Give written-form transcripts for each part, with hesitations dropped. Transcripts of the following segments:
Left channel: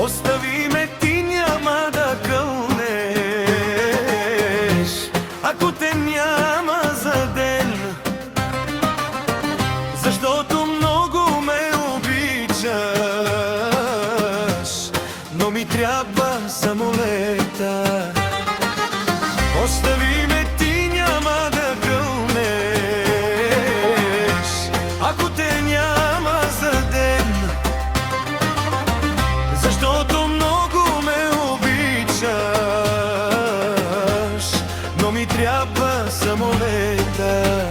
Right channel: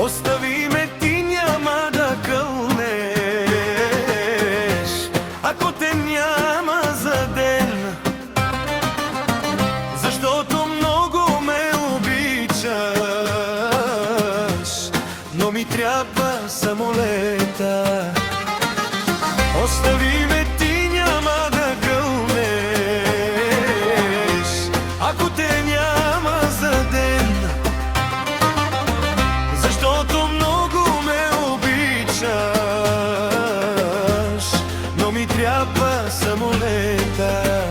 Остави ме, ти няма да кълнеш, ако те няма за ден, защото много ме обичаш, но ми трябва самолета. Остави ме, ти няма да кълнеш, ако те няма за ден, защото много ме обичаш, но ми трябва самолета.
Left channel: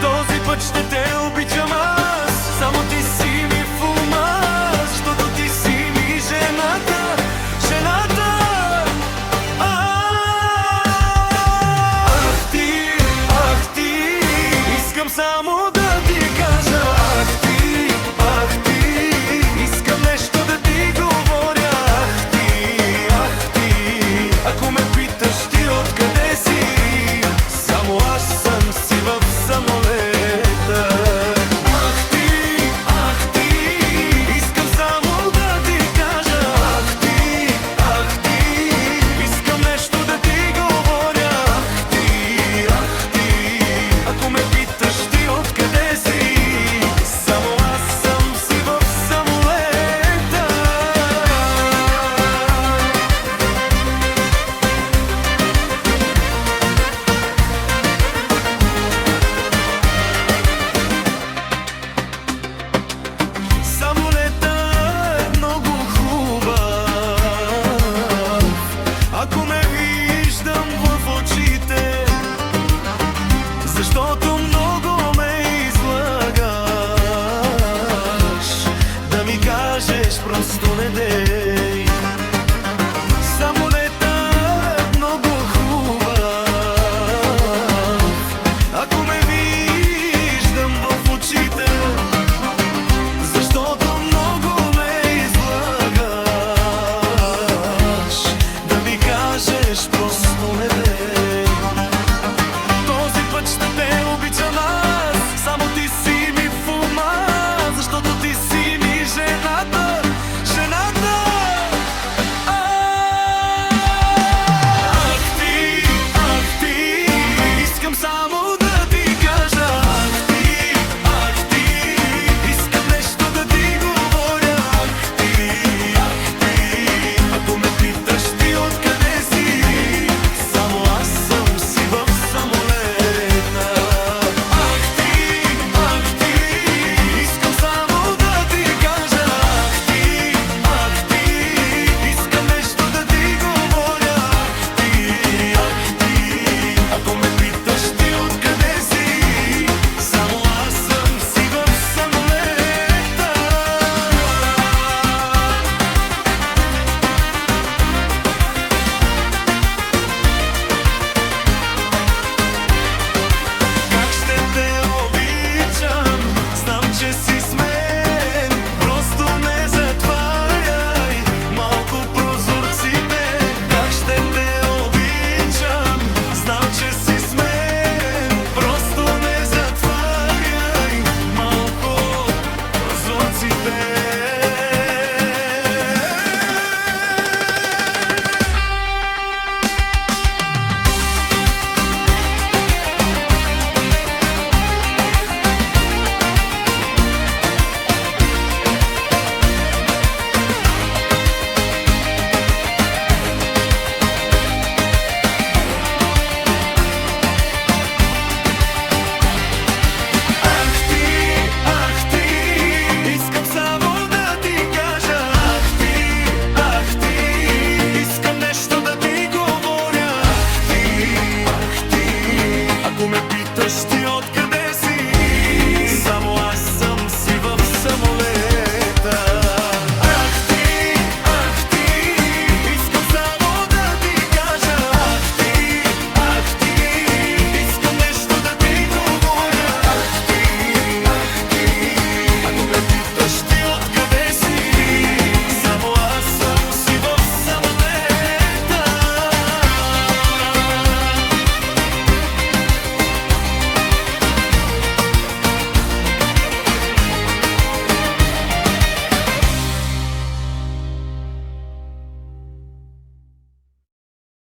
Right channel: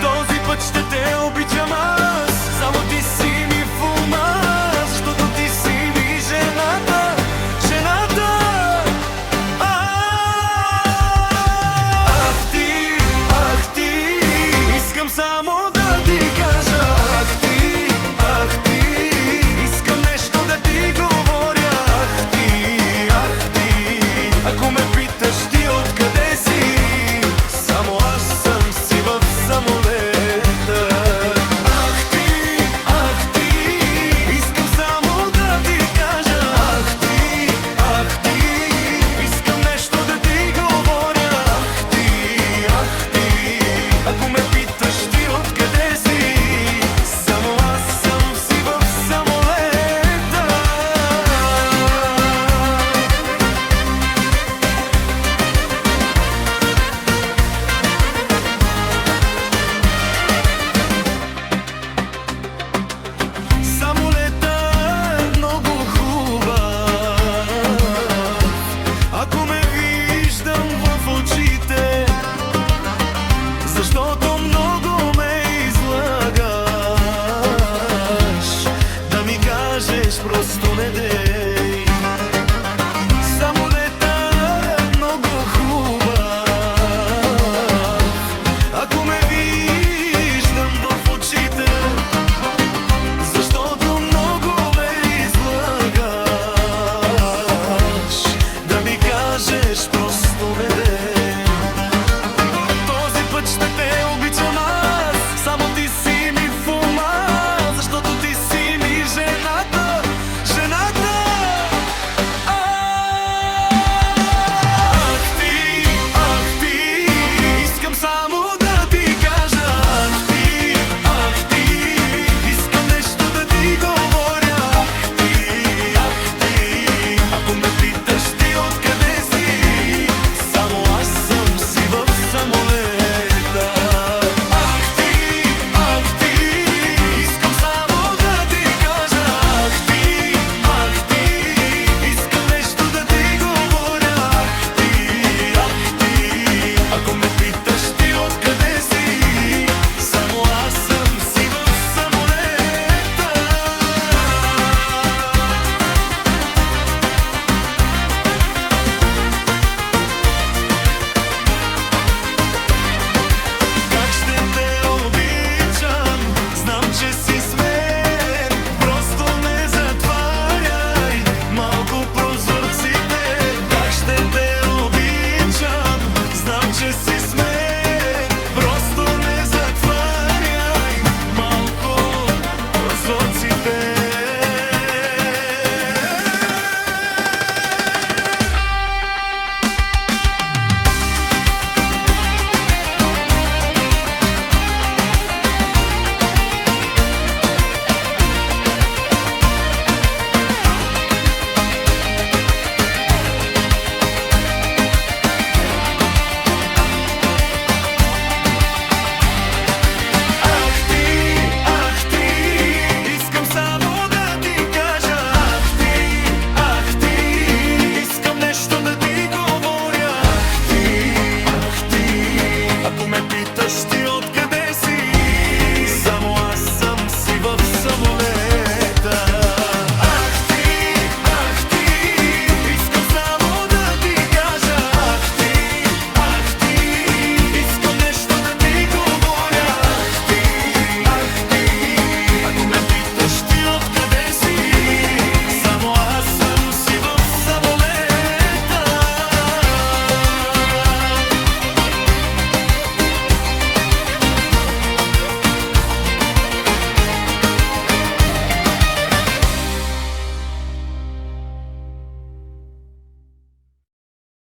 Този път ще те обичам аз, само ти си ми в ума, защото ти си ми жената, жената. Ах ти, искам само да ти кажа, ах ти, искам нещо да ти говоря, ах ти, ако ме питаш ти откъде си, само аз съм си в самолета. Ах ти, искам само да ти кажа, ах ти, искам нещо да ти говоря, ах ти, ако ме питаш ти откъде си, само аз съм си в самолета. Самолета е много хубав, ако ме виждам в очите, защото много ме излагаш, да ми кажеш просто не дей. Самолета е много хубав, ако ме виждам в очите, защото много ме излагаш, да ми кажеш просто не дей. Този път ще те обичам аз, само ти си ми в ума, защото ти си ми жената, жената. Ах ти, искам само да ти кажа, ах ти, искам нещо да ти говоря, ах ти, ако ме питаш ти откъде си, само аз съм си в самолета. Ах ти, искам само да ти кажа, ах ти, искам нещо да ти говоря, ах ти, ако ме питаш ти откъде си, само аз съм си в самолета. Как ще те обичам, знам, че си с мен, просто не затваряй малко прозорците. Как ще те обичам, знам, че си с мен, просто не затваряй малко прозорците. Ах ти, искам само да ти кажа, ах ти, искам нещо да ти говоря, ах ти, ако ме питаш ти откъде